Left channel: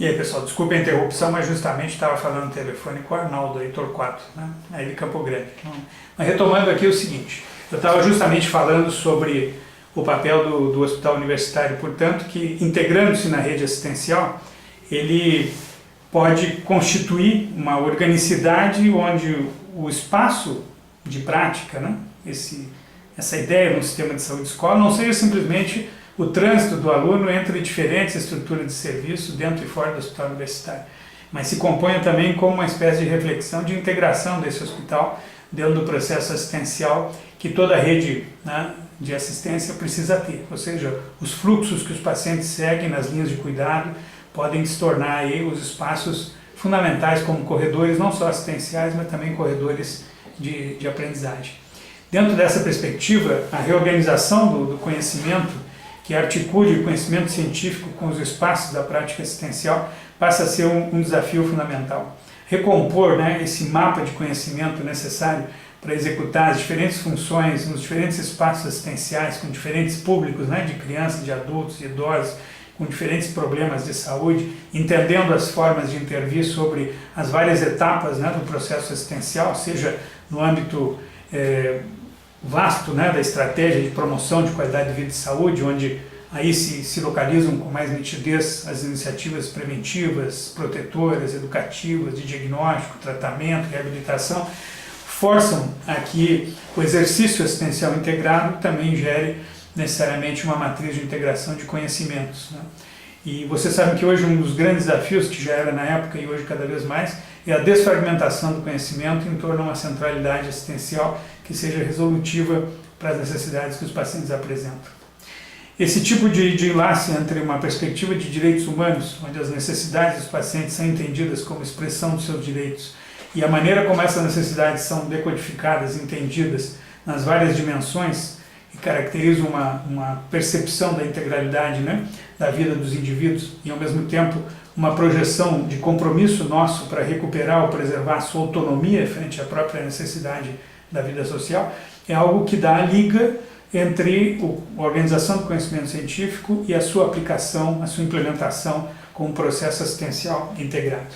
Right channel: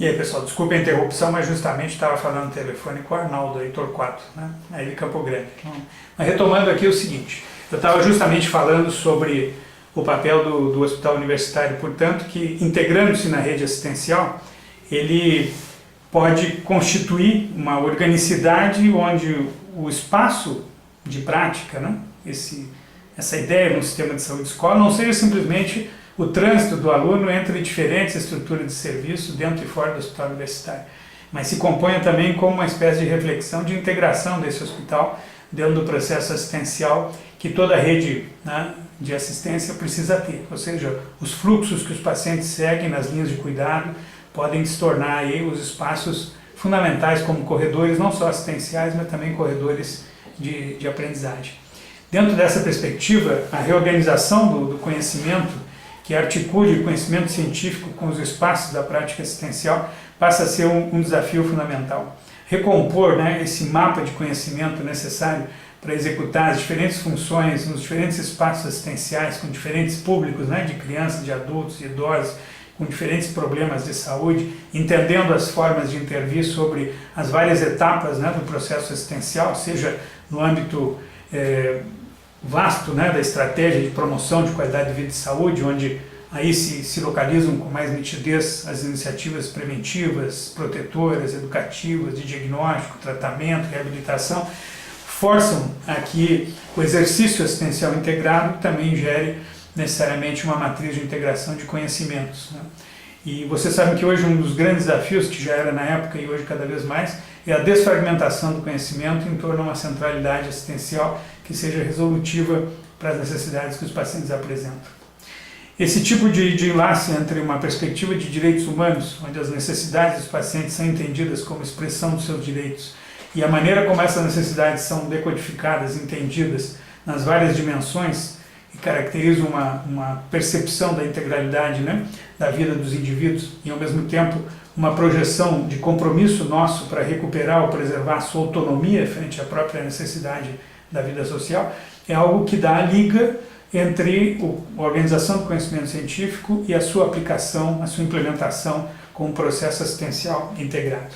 E aí, pessoal, desculpe a interrupção, mas justamente estava falando no telefone com o Arnaldo, aí Torquato, né? Aí de Campo Grande. Então, mas retomando aqui o seguinte, eu estava justamente falando sobre o papel do hospital universitário, portanto, que integrando-se na rede assistencial, ele pode constituir uma organicidade onde o espaço de prática, né? Essa ideia no sistema de saúde escola não seja simplesmente o trânsito do aluno entre diferentes estruturas de serviço dentro e fora do hospital universitário, mas se componha também como uma espécie de reflexão de integração desse hospital dentro do processo assistencial que toda a rede, né, de assistência precisa ter, ou seja, os fluxos que os pacientes seguem nas linhas de cuidado podem se tornar aí os espaços fundamentais como corredores não só assistenciais, mas também corredores de aprendizagem. Dentro dessa perspectiva, a reorganização do conhecimento que articule o conhecimento científico com os espaços da prática assistencial passa a ser um desafio fundamental. Recompor, né, esse mapa de conhecimento necessário para executar as diferentes funções nos diferentes espaços assistenciais com diferentes públicos, né, de crianças, de adultos, de idosos, com diferentes problemas de saúde, entendendo as formas de intervir sobre as várias etapas, né, do processo assistencial, seja no âmbito vasto, né, da estratégia de promoção de qualidade de vida e saúde, onde aí se localizam com mais nitidez as iniciativas preventivas, protetoras, educativas, de diagnóstico, tratamento, reabilitação, forçam a que o exercício assistencial integrado também gere necessariamente uma matriz de integração de conhecimentos, né? E vocês sabem que hoje um dos grandes desafios, que já era na época e hoje cada vez mais, é a desfragmentação do conhecimento em torno de uma centralidade assistencial que seja resolutiva para as necessidades que os pacientes apresentam. Esse tipo de enlace entre uma perspectiva de direitos humanos, onde as necessidades dos pacientes são entendidas como expressão dos seus direitos, e a maneira como essas necessidades são decodificadas, entendidas nas várias dimensões, que caracterizam uma percepção da integralidade, né, da vida dos indivíduos e, ao mesmo tempo, uma projeção de compromisso nosso para recuperar ou preservar a sua autonomia frente à própria necessidade da vida social, é algo que dá a liga entre a organização do conhecimento científico e a sua aplicação, a sua implementação com um processo assistencial integrado.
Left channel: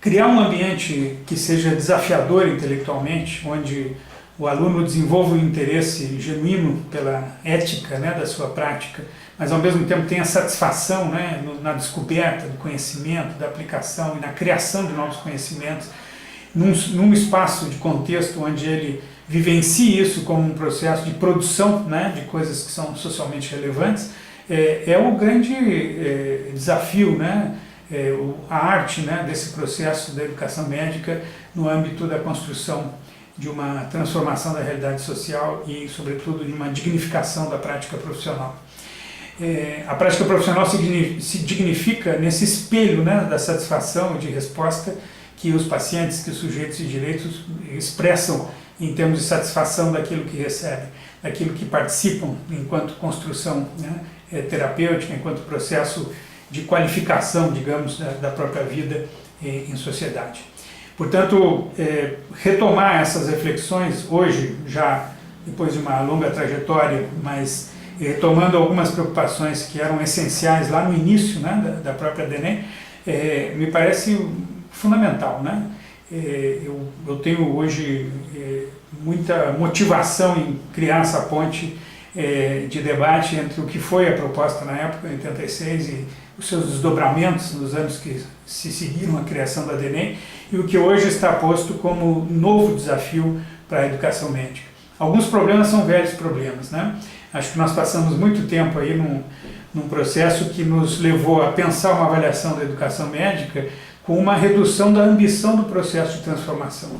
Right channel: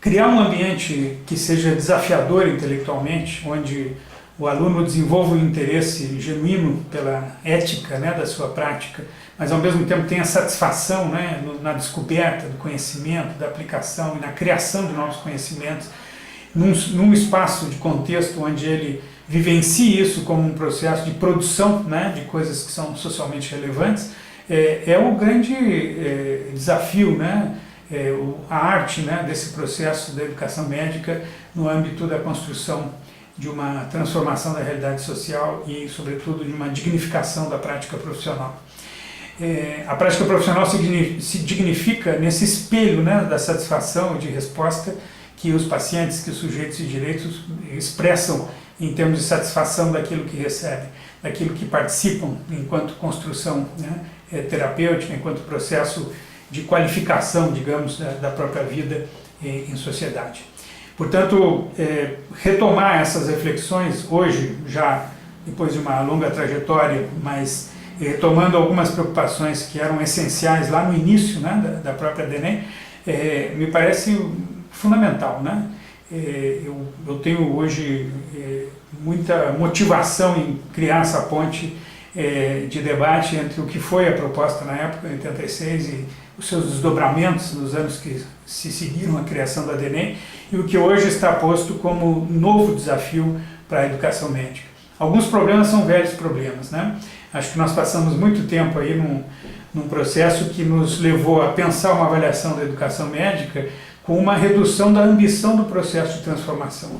Criar um ambiente que seja desafiador intelectualmente, onde o aluno desenvolve um interesse genuíno pela ética, né, da sua prática, mas ao mesmo tempo tenha satisfação, né, na descoberta do conhecimento, da aplicação e na criação de novos conhecimentos, num espaço de contexto onde ele vivencie isso como um processo de produção, né, de coisas que são socialmente relevantes, é o grande desafio, né, a arte, né, desse processo da educação médica no âmbito da construção de uma transformação da realidade social e, sobretudo, de uma dignificação da prática profissional. A prática profissional se dignifica nesse espelho, né, da satisfação e de resposta que os pacientes, que os sujeitos de direitos expressam em termos de satisfação daquilo que recebem, daquilo que participam enquanto construção, né, terapêutica, enquanto processo de qualificação, digamos, da própria vida em sociedade. Portanto, retomar essas reflexões hoje, já depois de uma longa trajetória, mas retomando algumas preocupações que eram essenciais lá no início, né, da própria DENEM, me parece fundamental, né? Eu tenho hoje muita motivação em criar essa ponte de debate entre o que foi a proposta na época, em 86, e os seus desdobramentos nos anos que se seguiram a criação da DENEM, e o que hoje está posto como novo desafio para a educação médica. Alguns problemas são velhos problemas, né? Acho que nós passamos muito tempo aí num processo que nos levou a pensar uma avaliação da educação médica com uma redução da ambição do processo de transformação.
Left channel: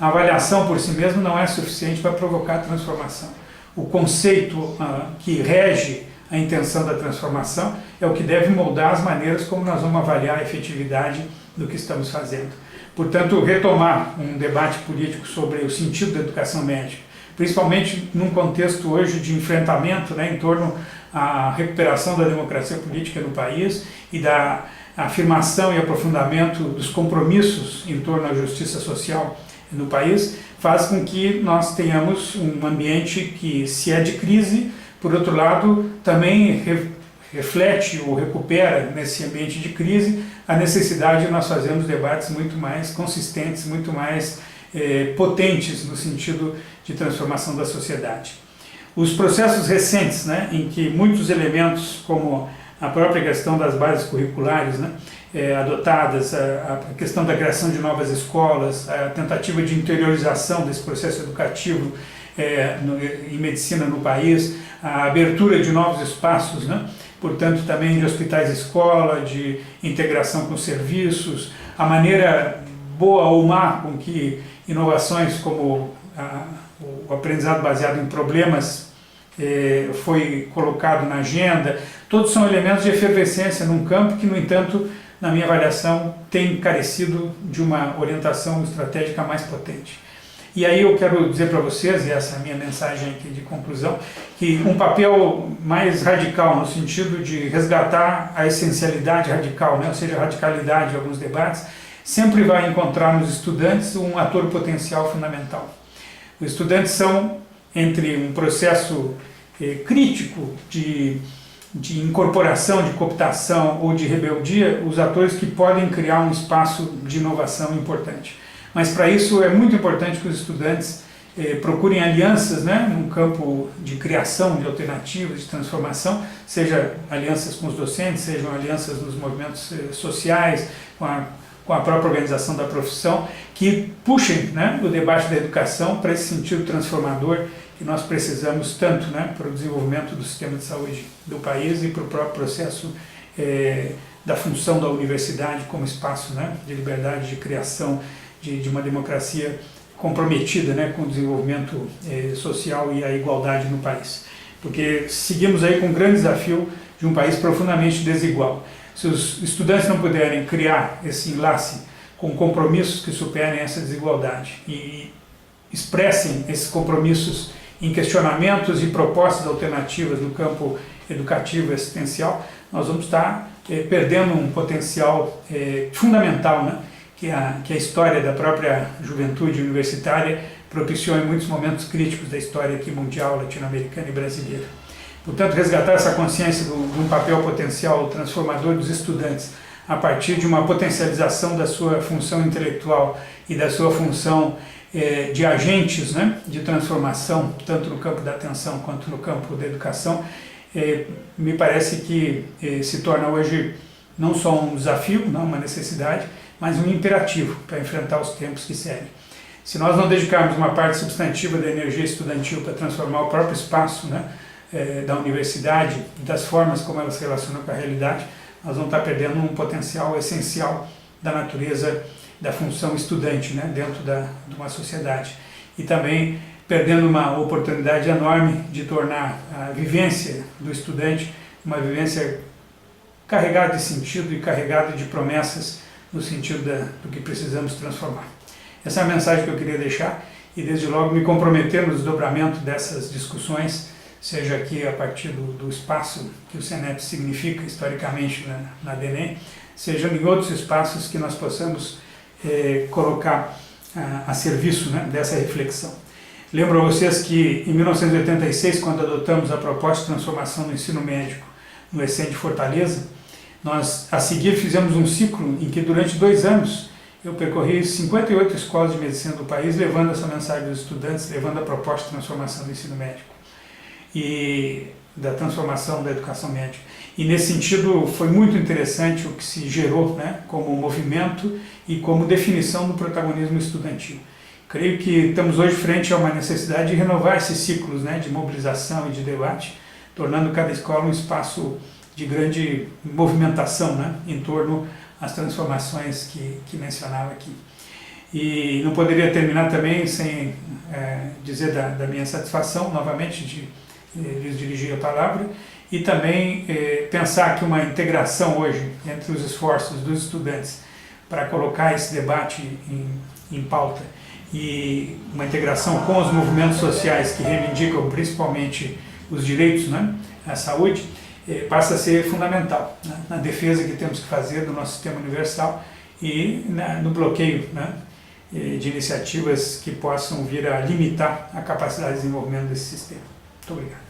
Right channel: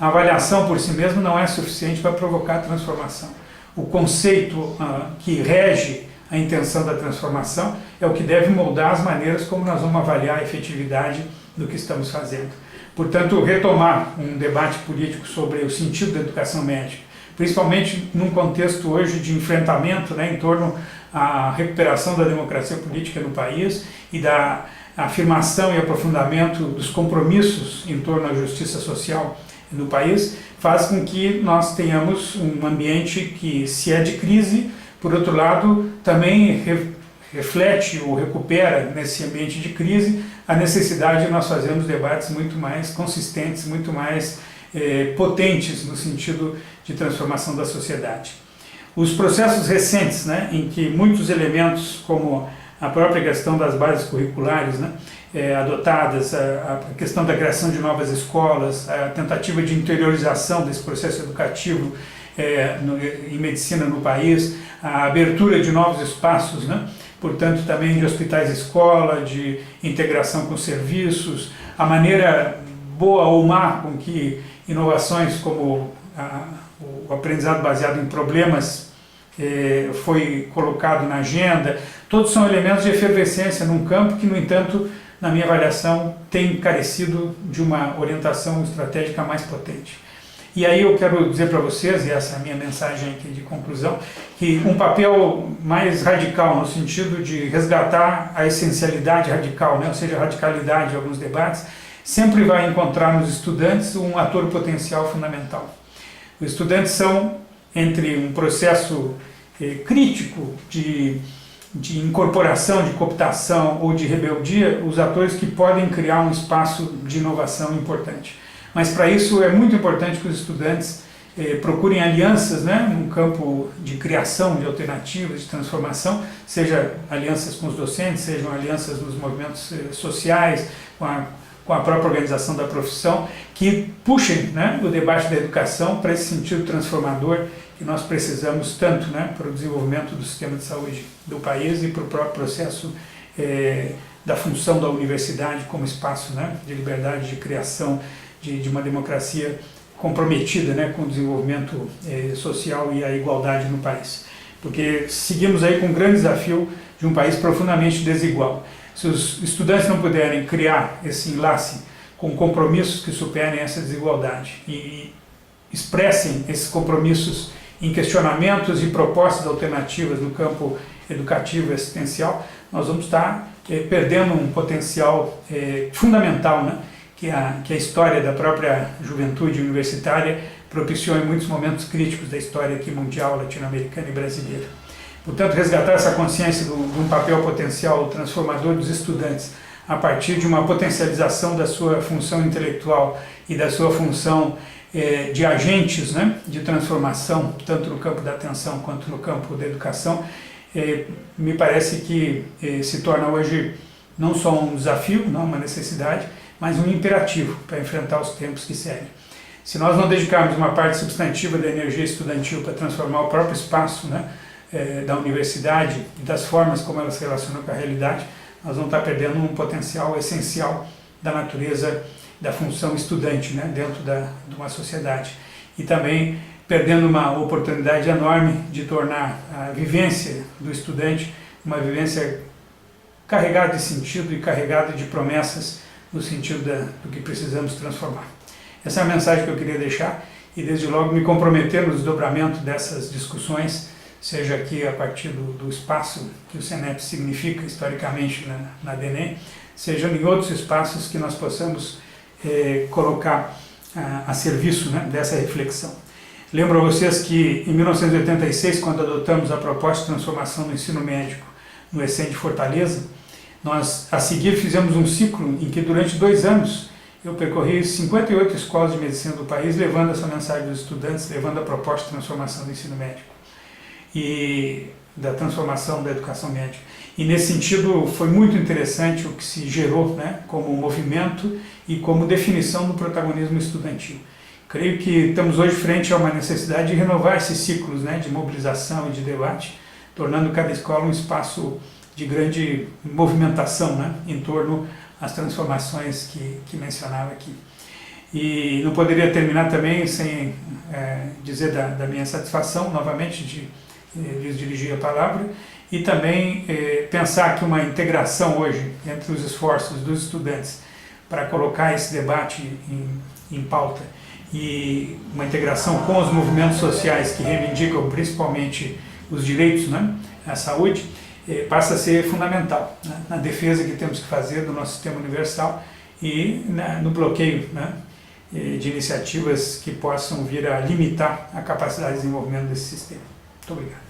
A avaliação por si mesma não é suficiente para provocar a transformação. O conceito que rege a intenção da transformação é o que deve moldar as maneiras como nós vamos avaliar a efetividade do que estamos fazendo. Portanto, retomar um debate político sobre o sentido da educação médica, principalmente num contexto hoje de enfrentamento, né, em torno à recuperação da democracia política no país e da afirmação e aprofundamento dos compromissos em torno à justiça social no país, faz com que nós tenhamos um ambiente que, se é de crise, por outro lado, também reflete ou recupera nesse ambiente de crise a necessidade de nós fazermos debates muito mais consistentes, muito mais potentes no sentido de transformação da sociedade. Os processos recentes, né, em que muitos elementos, como a própria questão das bases curriculares, né, adotadas, a questão da criação de novas escolas, a tentativa de interiorização desse processo educativo em medicina no país, a abertura de novos espaços, né, portanto também de hospitais-escola, de integração com serviços, a maneira boa ou má com que inovações como o aprendizado baseado em problemas foi colocado na agenda, todos são elementos de efervescência num campo que, no entanto, na minha avaliação, tem carecido de uma orientação estratégica mais potente. E aí eu quero dizer para vocês, e essa é a minha mensagem aqui de conclusão, que um papel mais radical, no sentido de resgatar a essencialidade radical, né, ou seja, a radicalidade de alguns debates, sempre vai encontrar nos estudantes um ator potencial fundamental. Os estudantes são, entre um processo crítico de incorporação, de cooptação ou de rebeldia, os atores que podem criar um espaço de inovação importante. Mas para isso é muito importante que os estudantes procurem alianças, né, num campo de criação de alternativas, de transformação, seja alianças com os docentes, sejam alianças nos movimentos sociais, com a própria organização da profissão, que puxem, né, o debate da educação para esse sentido transformador que nós precisamos tanto, né, para o desenvolvimento do sistema de saúde do país e para o próprio processo da função da universidade como espaço, né, de liberdade, de criação, de uma democracia comprometida, né, com o desenvolvimento social e a igualdade no país. Porque seguimos aí com um grande desafio de um país profundamente desigual. Se os estudantes não puderem criar esse enlace com compromissos que superem essa desigualdade e expressem esses compromissos em questionamentos e propostas alternativas no campo educativo e assistencial, nós vamos estar perdendo um potencial fundamental, né, que a história da própria juventude universitária propiciou em muitos momentos críticos da história aqui mundial, latino-americana e brasileira. Portanto, resgatar essa consciência de um papel potencial transformador dos estudantes a partir de uma potencialização da sua função intelectual e da sua função de agentes, né, de transformação, tanto no campo da atenção quanto no campo da educação, me parece que se torna hoje não só um desafio, não uma necessidade, mas um imperativo para enfrentar os tempos que seguem. Se nós não dedicarmos uma parte substantiva da energia estudantil para transformar o próprio espaço, né, da universidade e das formas como ela se relaciona com a realidade, nós vamos estar perdendo um potencial essencial da natureza da função estudante, né, dentro de uma sociedade. E também perdendo uma oportunidade enorme de tornar a vivência do estudante uma vivência carregada de sentido e carregada de promessas no sentido do que precisamos transformar. Essa é a mensagem que eu queria deixar e desde logo me comprometer no desdobramento dessas discussões, seja aqui a partir do espaço que o CENEP significa historicamente na DENEM, seja em outros espaços que nós possamos colocar a serviço, né, dessa reflexão. Lembro a vocês que em 1986, quando adotamos a proposta de transformação do ensino médico no ESSEM de Fortaleza, nós a seguir fizemos um ciclo em que durante 2 anos eu percorri 58 escolas de medicina do país, levando essa mensagem dos estudantes, levando a proposta de transformação do ensino médico e da transformação da educação médica. E nesse sentido foi muito interessante o que se gerou, né, como movimento e como definição do protagonismo estudantil. Creio que estamos hoje frente a uma necessidade de renovar esses ciclos, né, de mobilização e de debate, tornando cada escola um espaço de grande movimentação, né, em torno às transformações que mencionava aqui. E não poderia terminar também sem dizer da minha satisfação, novamente, de lhes dirigir a palavra, e também pensar que uma integração hoje entre os esforços dos estudantes para colocar esse debate em pauta e uma integração com os movimentos sociais que reivindicam principalmente os direitos, né, à saúde, passa a ser fundamental, né, na defesa que temos que fazer do nosso sistema universal e no bloqueio, né, de iniciativas que possam vir a limitar a capacidade de desenvolvimento desse sistema. Muito obrigado.